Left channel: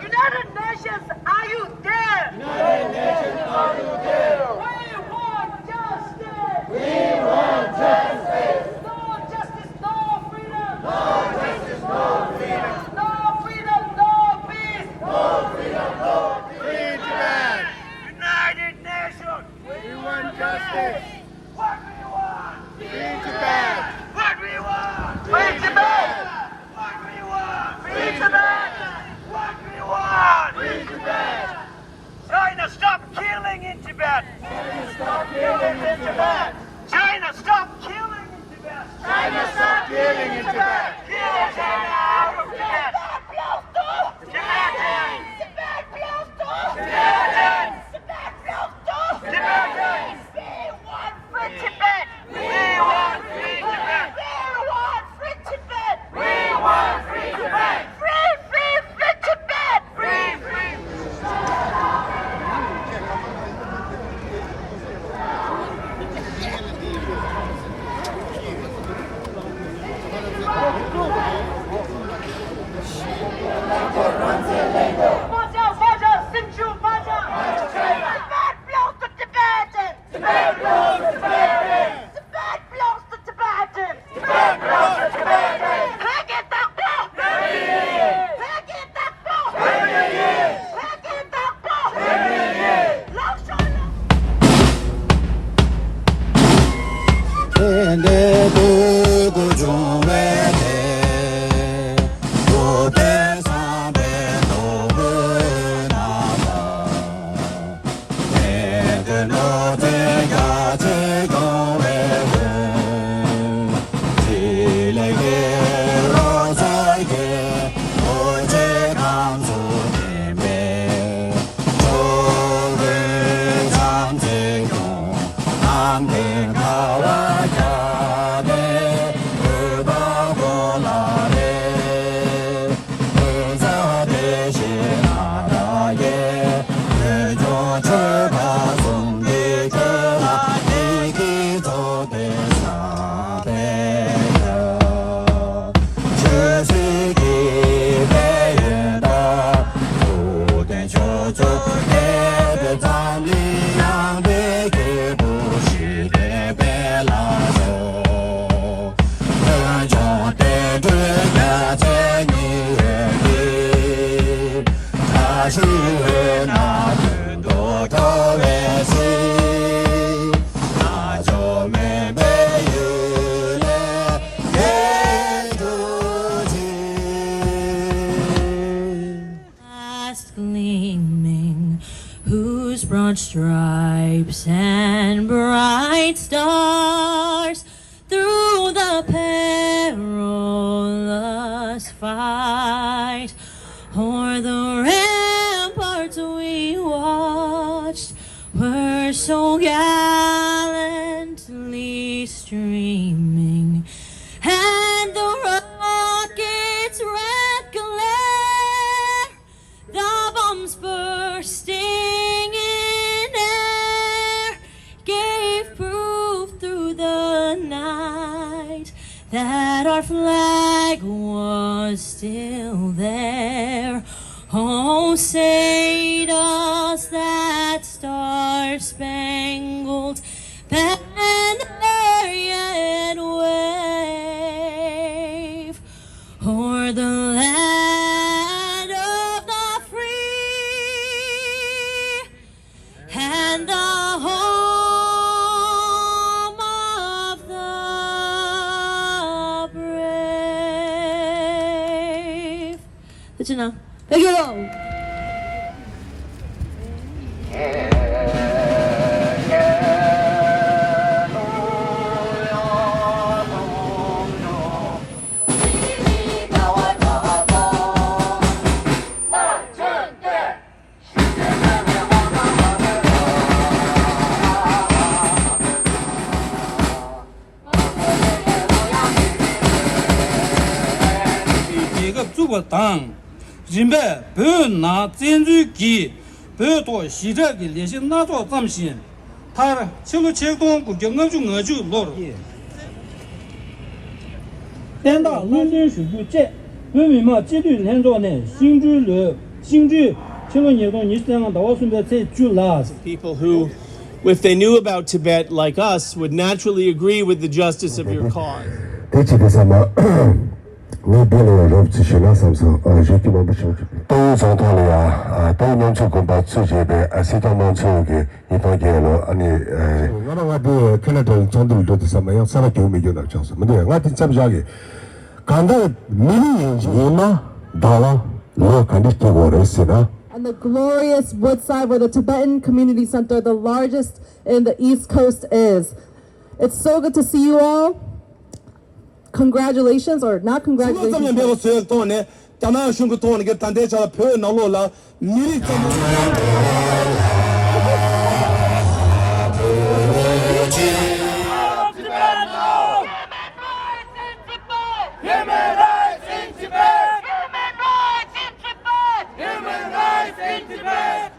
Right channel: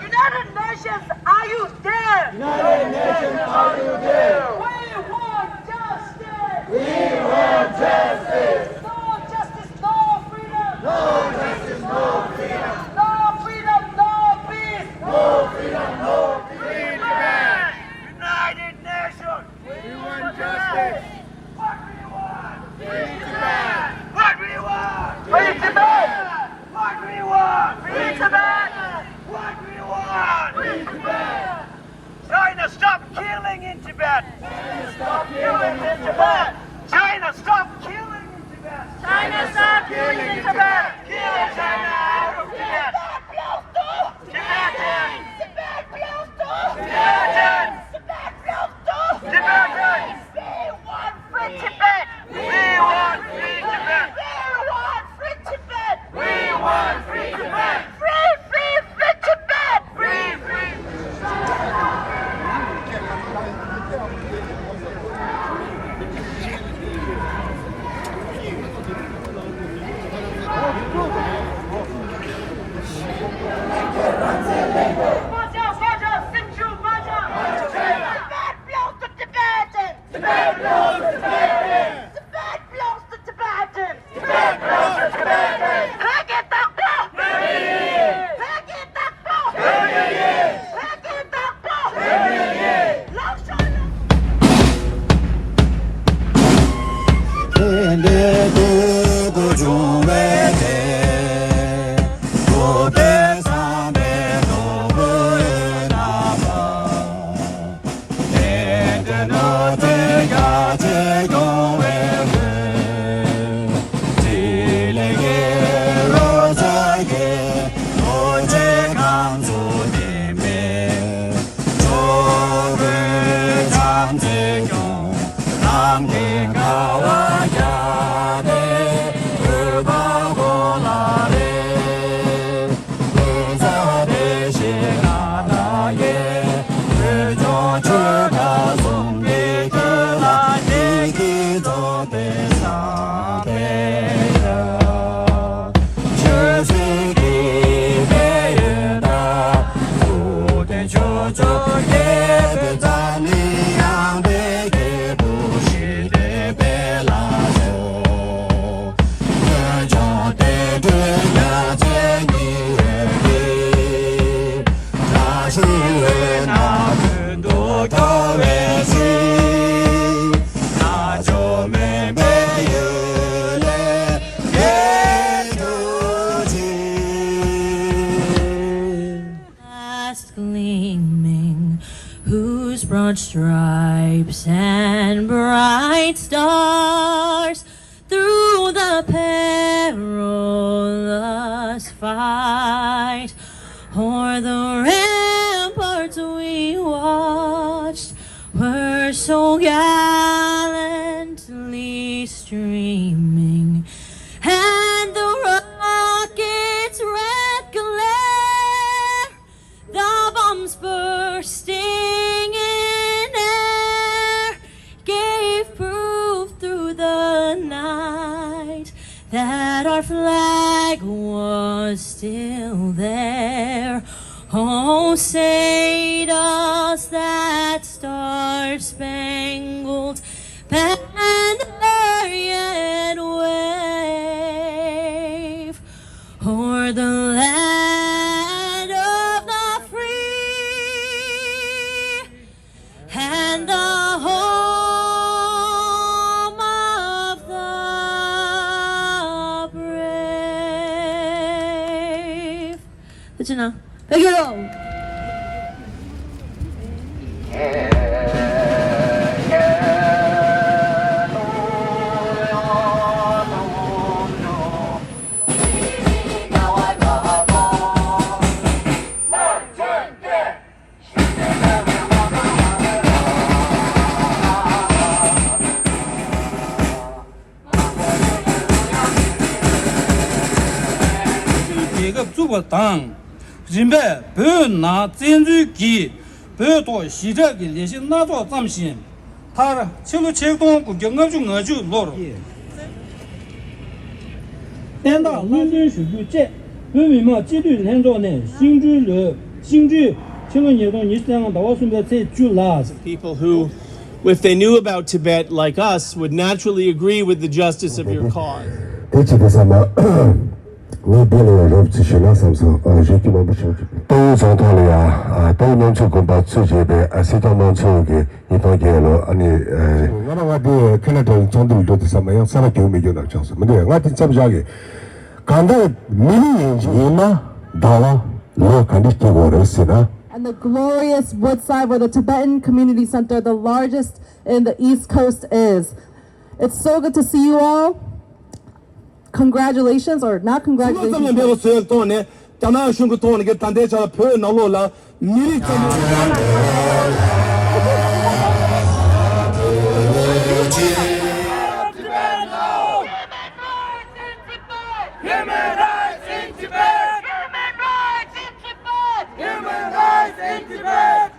United Nations, are you there? United Nations, are you there? We want justice! We want justice! No justice, no freedom! No justice, no freedom! No freedom, no peace! No freedom, no peace! United Nations! We want justice! What do you want? Free Tibet! What do you want? Free Tibet! What do you want? Free Tibet! What do you want? Free Tibet! China, stop killing in Tibet! China, stop killing in Tibet! China, stop killing in Tibet! China, stop killing in Tibet! Kill China out of Tibet! Tibetans! Tibet belongs to! Tibetans! Tibet belongs to! Tibetans! We want free Tibet! We want free Tibet! We want free Tibet! We want free Tibet! Free, free, free Tibet! Free, free! Tibet belongs to Tibetans! Tibet belongs to Tibetans! Tibet belongs to Tibetans! Tibet belongs to Tibetans! Hek it up, bro! Hek it up, bro! Hek it up, bro! Lobsang gleaming, whose broad stripes and bright stars through the perilous fight o'er the ramparts we watched were so gallantly streaming, and the rocket's red glare, the bombs bursting in air, gave proof through the night that our flag was still there. Oh, say does that star-spangled banner yet wave o'er the land of the free and the whole China. Thank you all. People who, if they knew about Tibet like us, would naturally agree with the justice of your cause. And the glorious Woodside, where the Tibetan Community Center, the largest in the East Coast, is. It's so good to see you all. Congratulations, or not congratulations. Human rights in Tibet! Human rights in Tibet! Human rights in Tibet!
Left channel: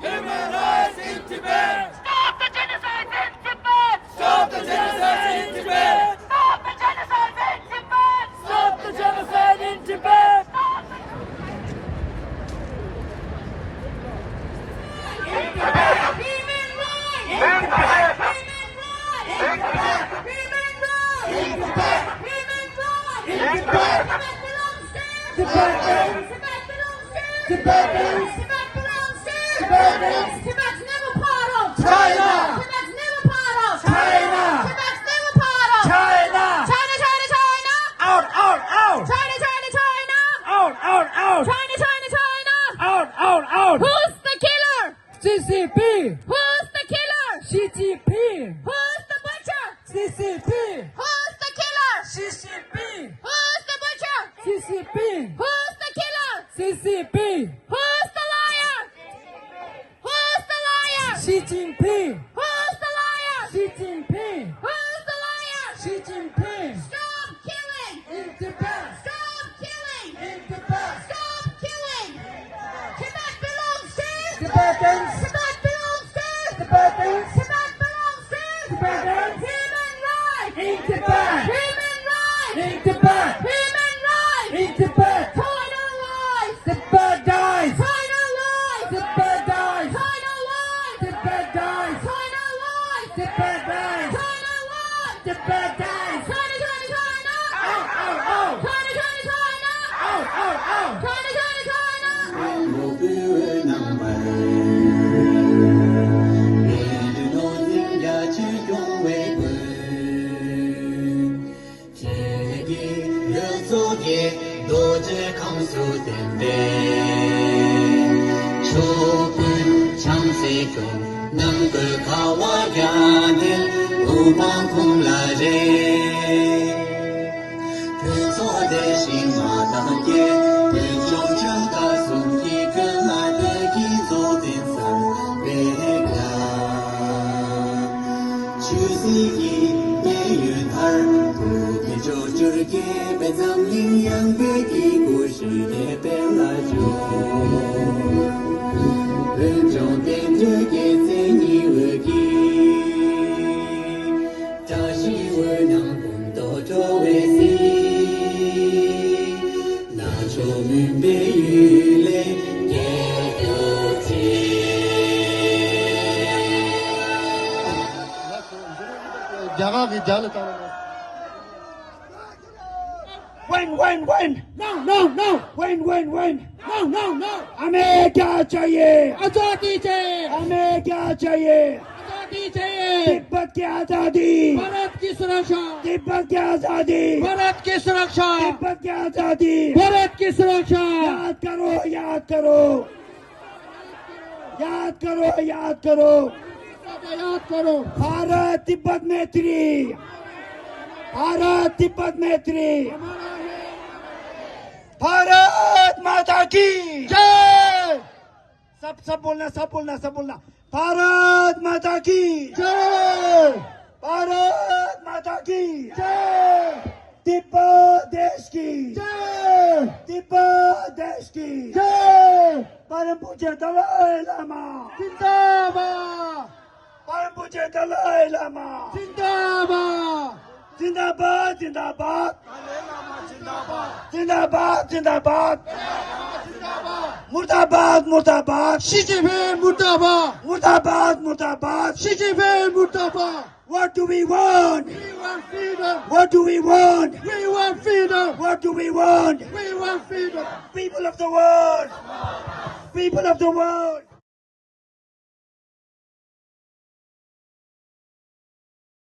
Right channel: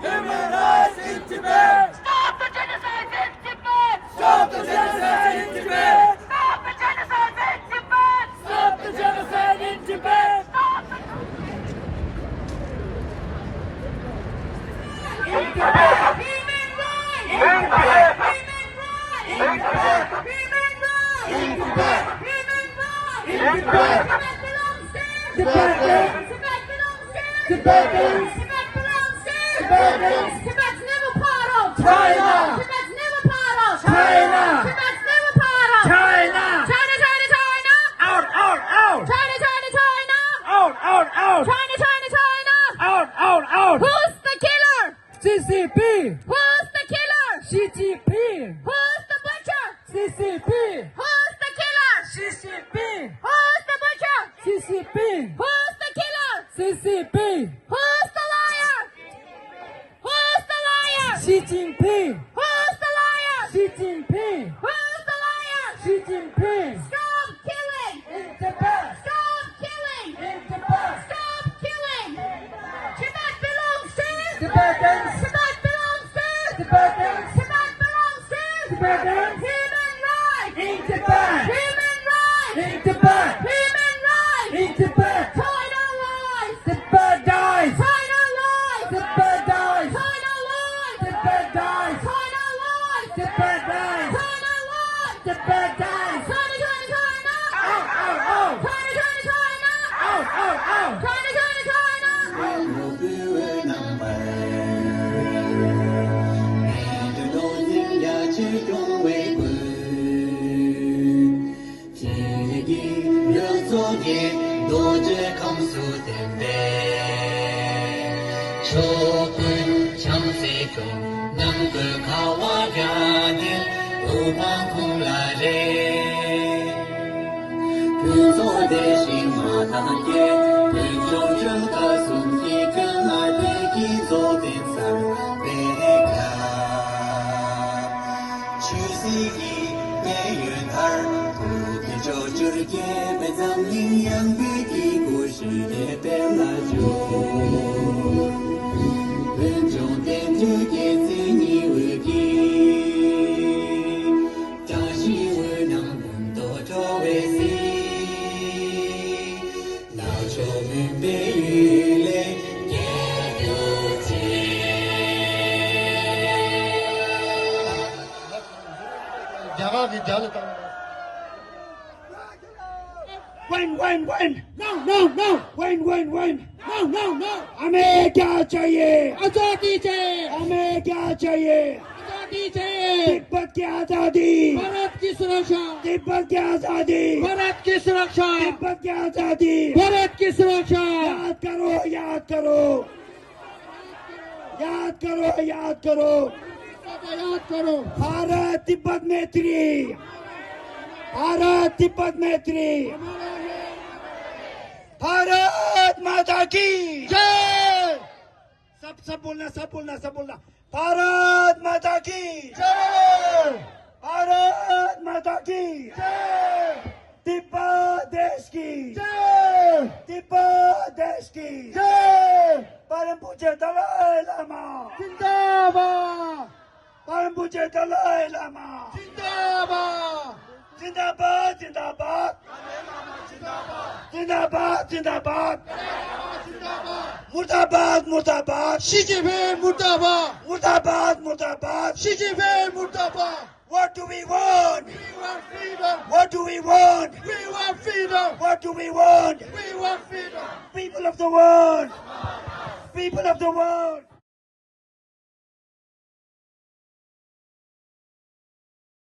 Human rights in Tibet! Stop the genocide in Tibet! Stop the genocide in Tibet! Stop the genocide in Tibet! Stop the genocide in Tibet! In Tibet! Human rights! In Tibet! Human rights! In Tibet! Human rights! In Tibet! Human rights! In Tibet! Tibet belongs to Tibet belongs to Tibet's never part of China. Tibet's never part of China. Tibet's never part of China. China, China, China. Out, out, out. China, China, China. Out, out, out. China, China, China. Out, out, out. Who's the killer? CCP. Who's the killer? CCP. Who's the butcher? CCP. Who's the killer? CCP. Who's the butcher? CCP. Who's the killer? CCP. Who's the liar? Who's the liar? Xi Jinping. Who's the liar? Xi Jinping. Who's the liar? Xi Jinping. Stop killing in Tibet. Stop killing in Tibet. Stop killing. Tibet belongs to Tibetans. Tibet belongs to Tibetans. Tibet belongs to Tibetans. Human rights in Tibet. Human rights in Tibet. Human rights in Tibet. China lies. Tibet dies. China lies. Tibet dies. China lies. Tibet dies. China lies. Tibet dies. China lies. Tibet dies. China, China, China. Out, out, out. China, China, China. Out, out, out. China, China, China. Win. No. Win. No. America चाहिए. आजादी चाहिए. America चाहिए. आजादी चाहिए, तिब्बत की आजादी, भारत की सुरक्षा, तिब्बत की आजादी, भारत की सुरक्षा, तिब्बत की आजादी। भारत की सुरक्षा। याद करो, याद करो, याद करो, याद करो। याद करो। भारत तिब्बत मैत्री, भारत तिब्बत मैत्री। भारत माता की जय, सब बोलना, सब बोलना, सब बोलना। भारत माता की जय, भारत माता की जय, तिब्बत देश की जय, तिब्बत देश की जय, परम पूज्य दलाई लामा, जिंदाबाद, परम पूज्य दलाई लामा, जिंदाबाद, जिंदाबाद, जिंदाबाद, जिंदाबाद, जिंदाबाद, मुर्दाबाद, मुर्दाबाद, शी जिनपिंग मुर्दाबाद, मुर्दाबाद, मुर्दाबाद। शी जिनपिंग मुर्दाबाद। What do we want? We want freedom, What do we want? we want freedom, What do we want? we want freedom. People of the world, people of the world.